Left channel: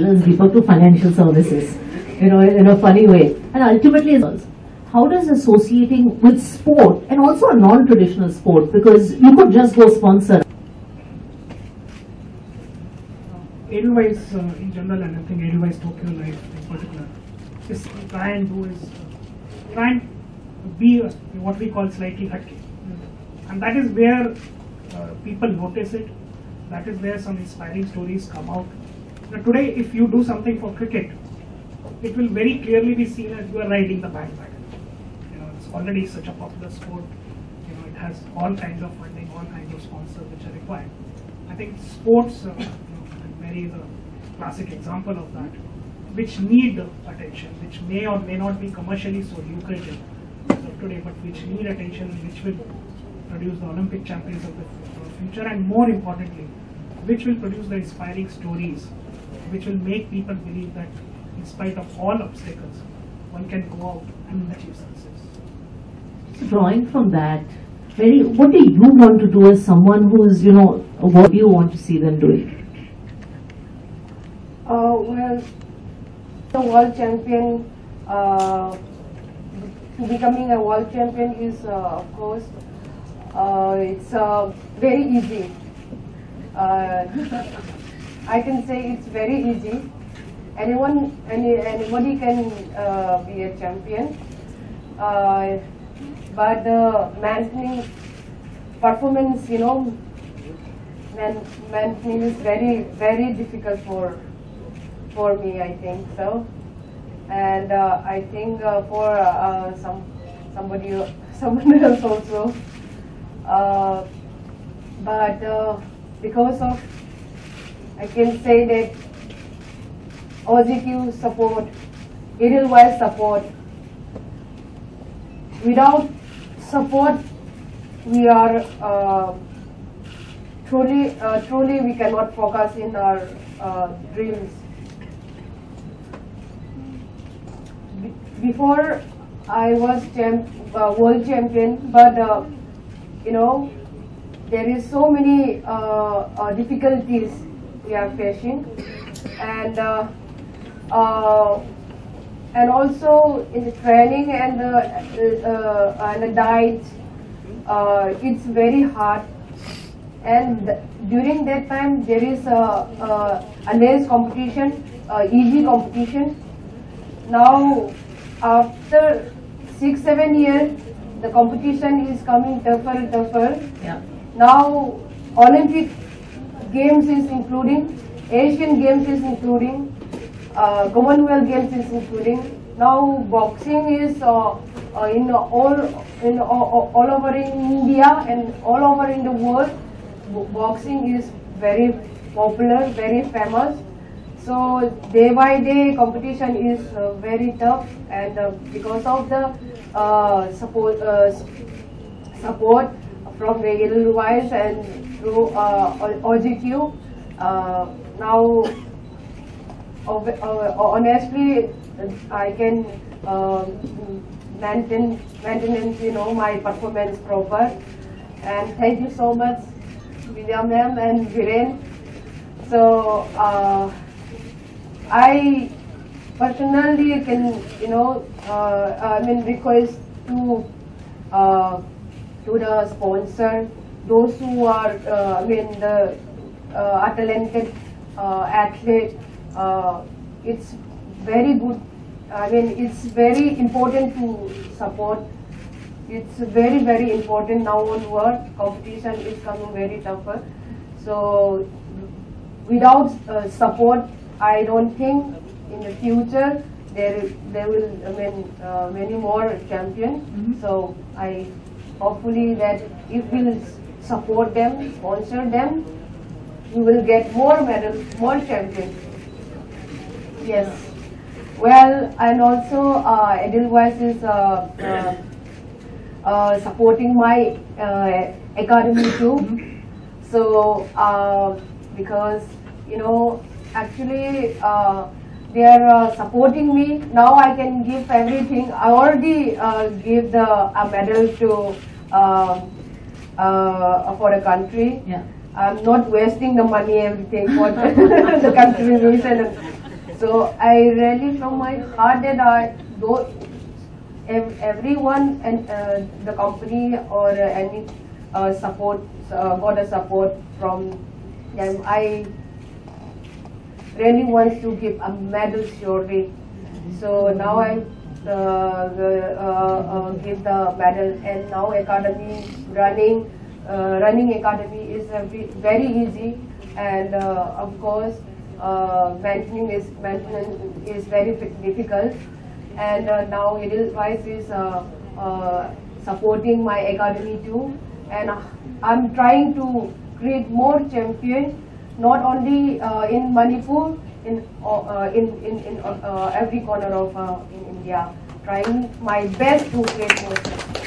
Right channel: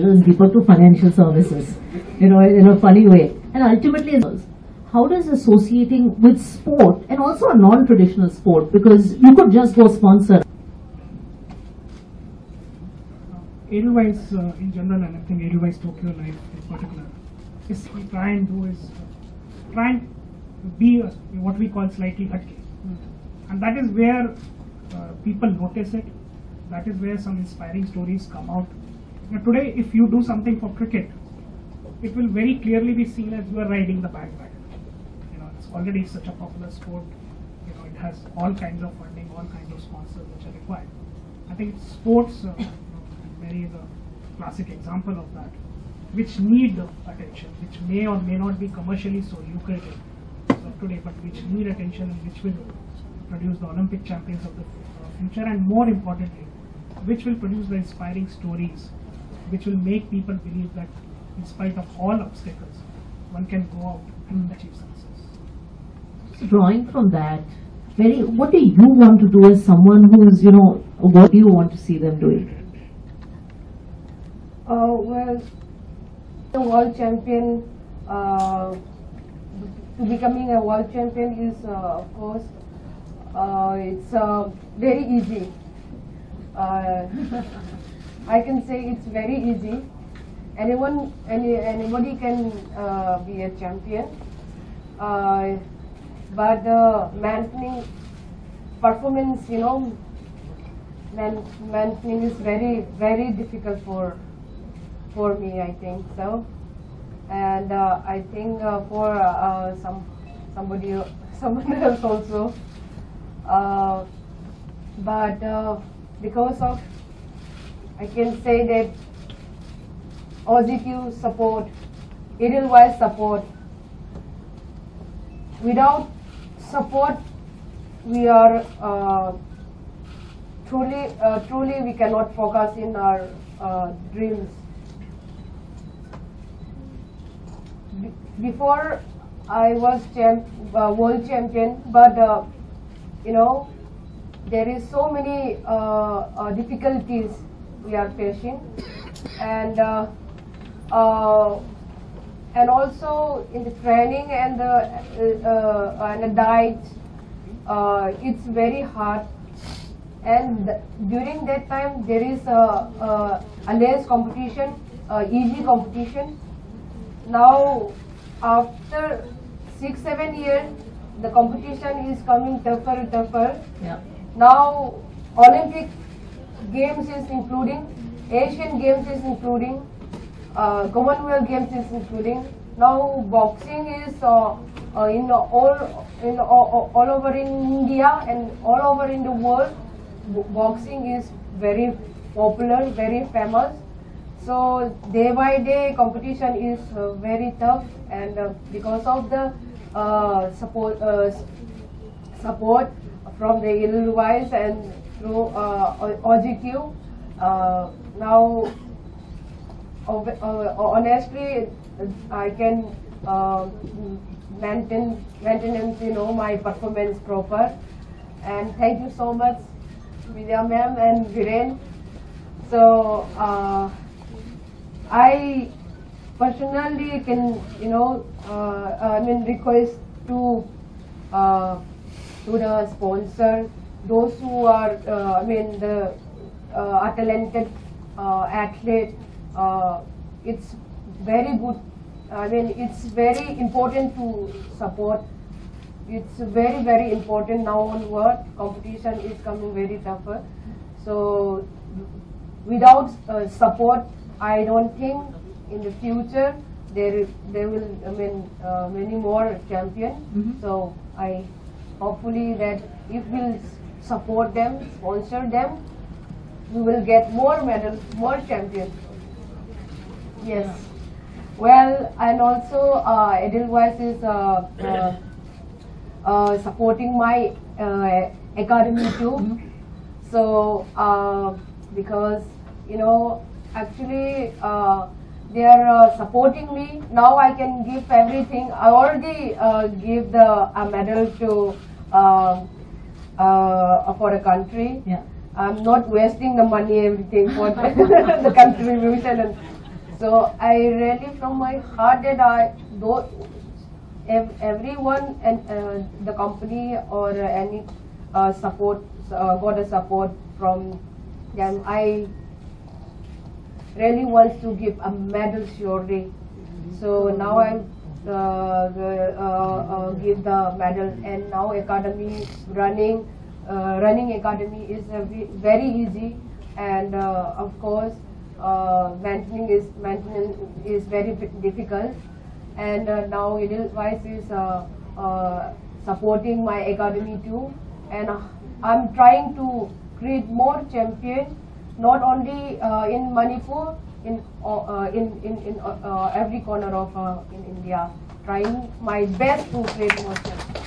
channels deeper to financial services, in a funny way. And ultimately, how does associating with sport and also a non-traditional sport, because you could just go sponsor. Edelweiss in general, and I think Edelweiss Tokyo Life in particular, is trying to be what we call slightly hatke, and that is where people notice it. That is where some inspiring stories come out. Now, today, if you do something for cricket, it will very clearly be seen as you are riding the bandwagon. It's already such a popular sport. It has all kinds of funding, all kinds of sponsors which are required. I think sports, Mary is a classic example of that, which need attention, which may or may not be commercially so lucrative as of today, but which need attention and which will produce the Olympic champions of the future, and more importantly, which will produce the inspiring stories, which will make people believe that in spite of all obstacles, one can go out and achieve success. So drawing from that, Mary, what do you want to do as someone who is, what do you want to see them doing? Well, the world champion, becoming a world champion is, of course, it's very easy. I can say it's very easy. Anybody can be a champion, but maintaining performance, maintaining is very, very difficult for me, I think so. And I think for someone else also. But because of, I can say that positive support, Edelweiss support. Without support, we are truly we cannot focus in our dreams. Before I was world champion, but there is so many difficulties we are facing, and also in the training and the diet, it's very hard. And during that time, there is a less competition, easy competition. Now, after 6-7 years, the competition is coming tougher. Yeah. Now, Olympic Games is including, Asian Games is including, Commonwealth Games is including. Now, boxing is all over in India and all over in the world. Boxing is very popular, very famous. So day by day competition is very tough, and because of the support from the Edelweiss and through OGQ, now honestly I can maintain my performance proper. And thank you so much, Vidya ma'am and Viren. So I personally can, request to the sponsor, those who are, are talented athlete. It's very good. It's very important to support. It's very, very important now onward. Competition is coming very tougher. So without support, I don't think in the future there will many more champions. Mm-hmm. So I hopefully that if we'll support them, sponsor them, we will get more medals, more champions. Yes. Well, and also Edelweiss is supporting my academy too. So because actually they are supporting me. Now I can give everything. I already gave the medal to for the country. Yeah. I'm not wasting the money, everything for the contribution. So I really from my heart that everyone and the company or any support got a support from them. I really want to give a medal surely. So now I give the medal, and now academy running academy is very easy, and of course maintenance is very difficult. And now Edelweiss is supporting my academy too, and I'm trying to create more champions, not only in Manipur, in every corner of in India. Trying my best to create more champions.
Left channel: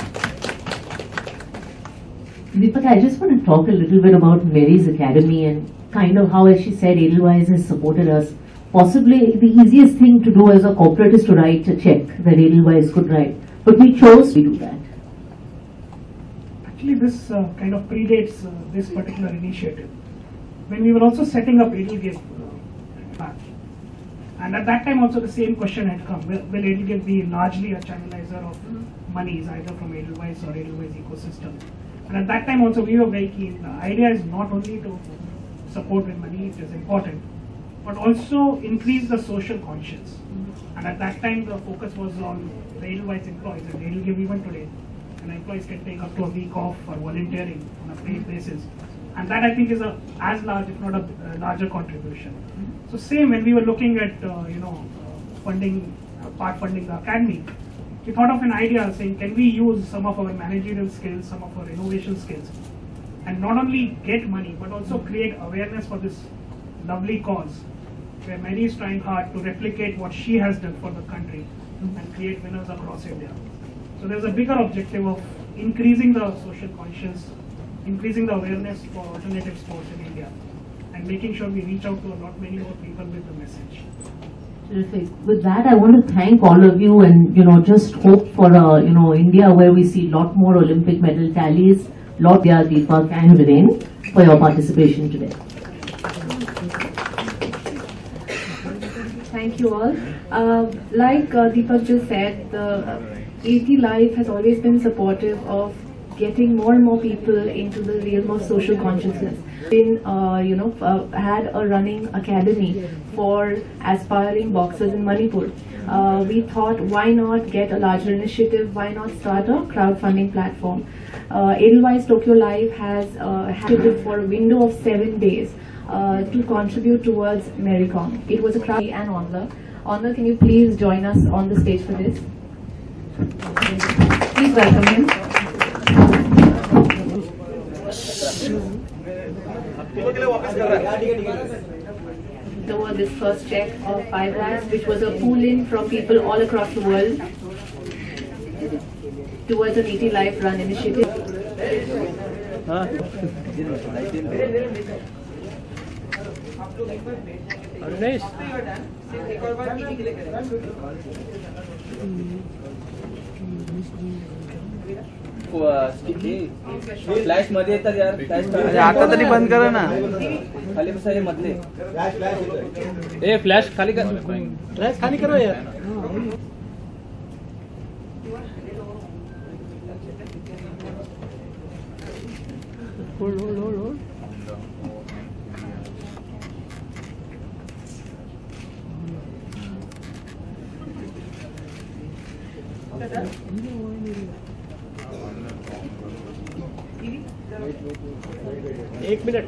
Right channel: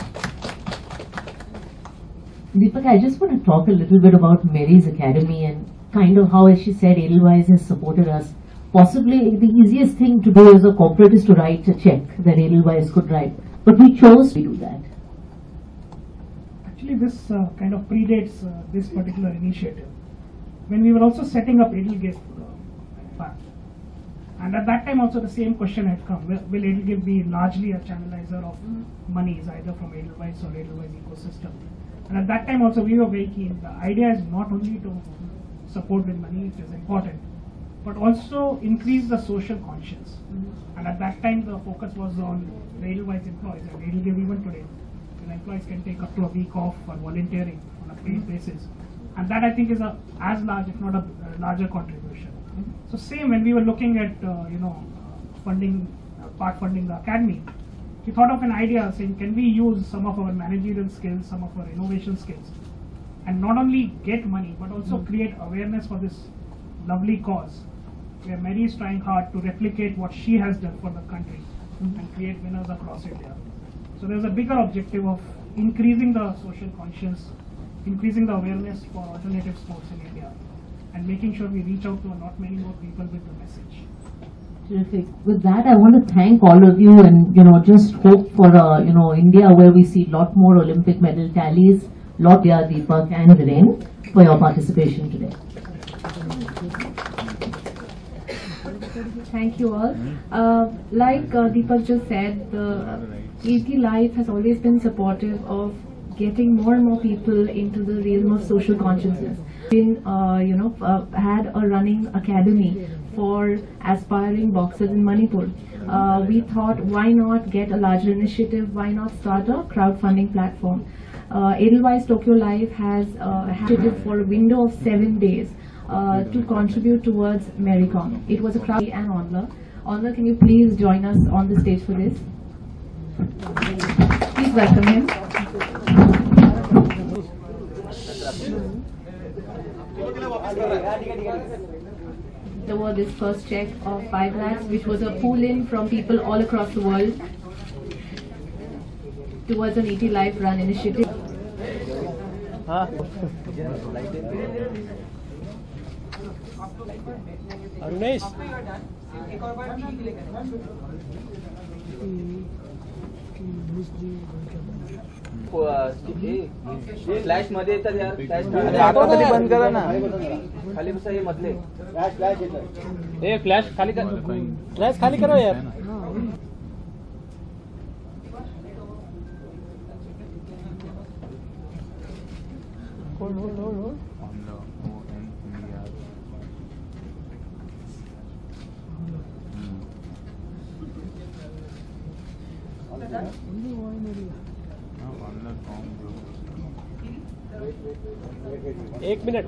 Deepak, I just want to talk a little bit about Mary's Academy and kind of how, as she said, Edelweiss has supported us. Possibly the easiest thing to do as a corporate is to write a check that Edelweiss could write. But we chose to do that. Actually, this kind of predates this particular initiative. When we were also setting up Edelgive, and at that time also the same question had come: will Edelgive be largely a channelizer of monies, either from Edelweiss or Edelweiss ecosystem? And at that time also we were very keen. The idea is not only to support with money, it is important, but also increase the social conscience. And at that time the focus was on the Edelweiss employees, and Edelgive even today, and employees can take up to a week off for volunteering on a paid basis. And that I think is as large, if not a larger contribution. So same when we were looking at funding, part funding the academy, we thought of an idea saying, can we use some of our managerial skills, some of our innovation skills, and not only get money but also create awareness for this lovely cause, where Mary is trying hard to replicate what she has done for the country and create winners across India. So there's a bigger objective of increasing the social conscience, increasing the awareness for alternative sports in India, and making sure we reach out to a lot many more people with the message. Terrific. With that, I want to thank all of you, and just hope for India where we see a lot more Olympic medal tallies. Deepak and Viren for your participation today. Thank you all. Like Deepak just said, the ET Life has always been supportive of getting more and more people into the realm of social consciousness. Had a running academy for aspiring boxers in Manipur. We thought, why not get a larger initiative? Why not start a crowdfunding platform? Edelweiss Tokyo Life has had for a window of 7 days to contribute towards Marycom. It was a crowd and Onla. Onla, can you please join us on the stage for this? Please welcome him. Toward this first check of 5 lakhs, which was a pool-in from people all across the world towards an ET Life Run initiative. Flash मध्ये येतात यार, flash अरे आता तरी बंद करा ना. खाली बसा, हे मधले ए फ्लॅश खाली कर, फ्लॅश खाली करा यार. होल्ड. 1 मिनिट.